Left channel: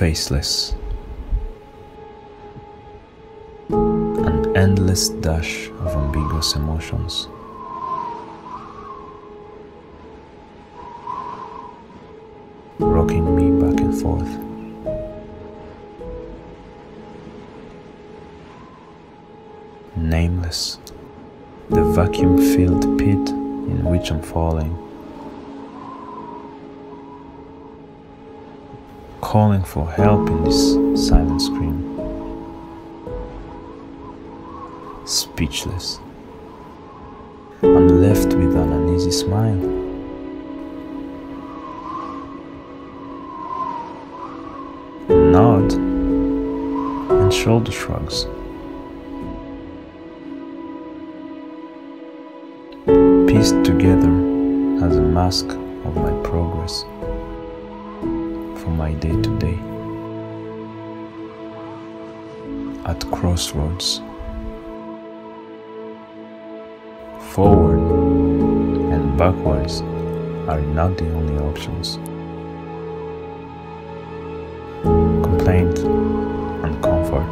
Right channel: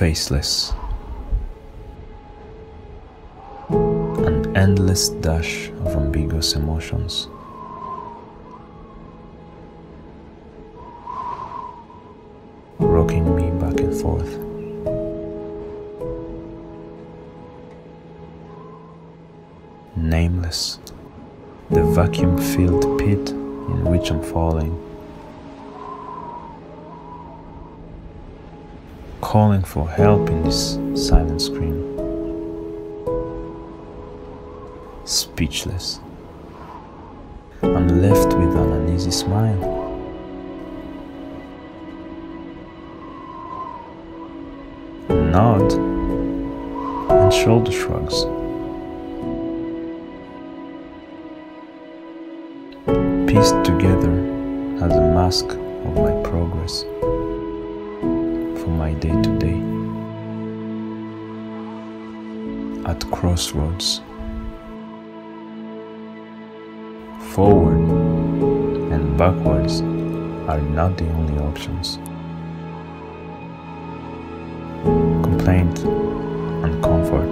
faceless. An endless dash of ambiguous emotions. Rocking me back and forth. Nameless, the vacuum-filled pit in which I'm falling. Calling for help in this silent scream. Speechless. I'm left with an uneasy smile. A nod and shoulder shrugs. Pieced together as a mask of my progress for my day-to-day. At crossroads. Forward and backwards are not the only options. Complaint and comfort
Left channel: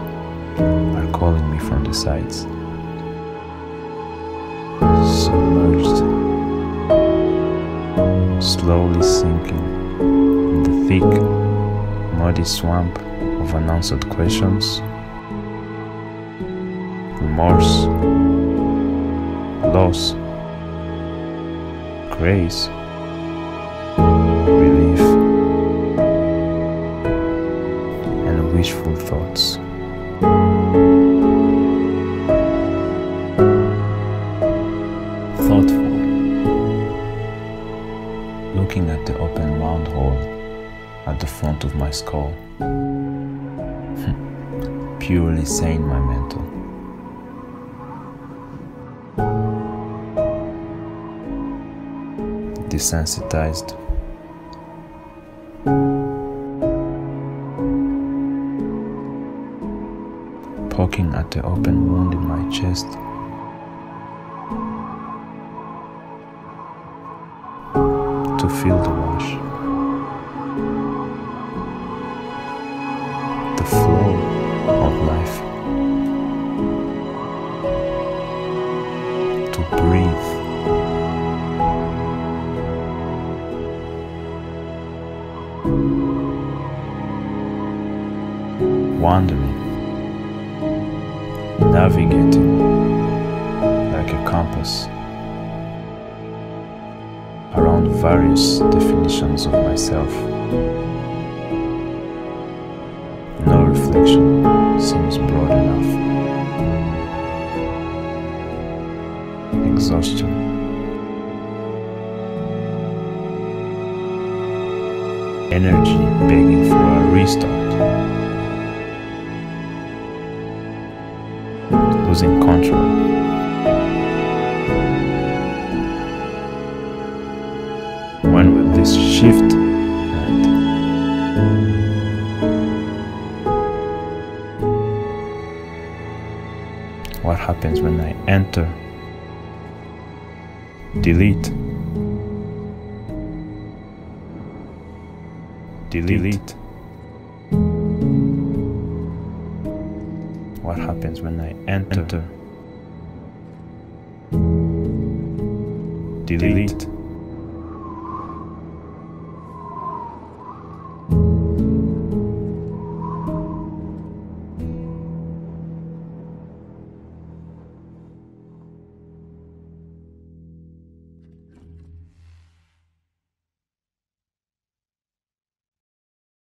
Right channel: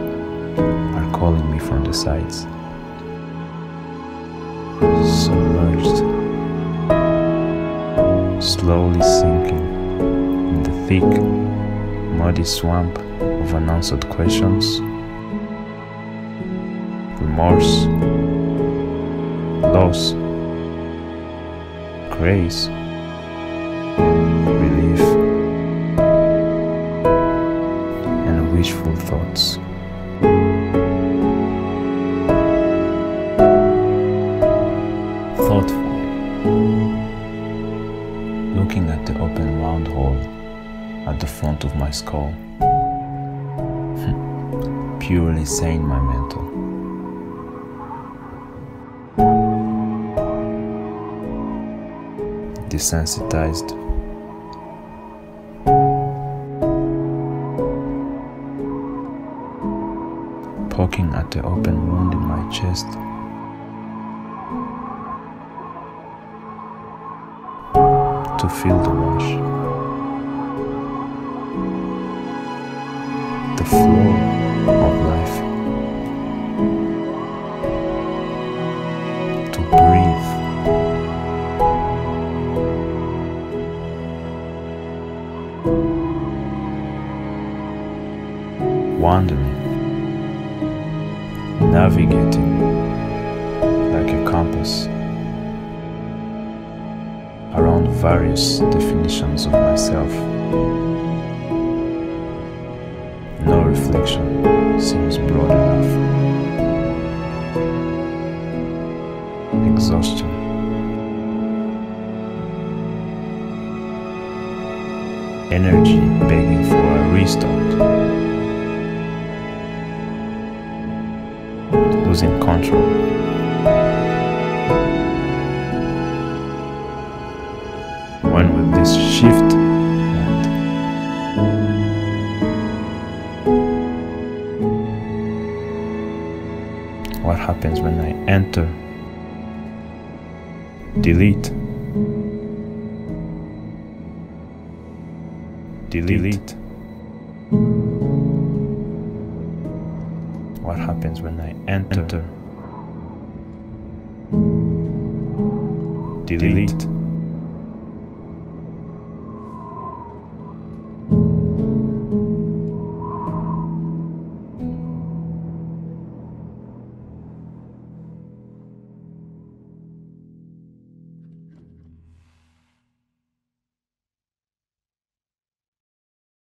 are calling me from the sides. Submerged, slowly sinking in the thick, muddy swamp of unanswered questions, remorse, loss, grace, relief, and wishful thoughts. Thoughtful, looking at the open round hole at the front of my skull, purely sane my mental. Desensitized, poking at the open wound in my chest. To feel the rush, the flow of life, to breathe, wandering, navigating like a compass around various definitions of myself. No reflection seems broad enough. Exhaustion. Energy begging for a restart. Losing control. When will this shift end? What happens when I enter? Delete. Delete. What happens when I enter? Delete.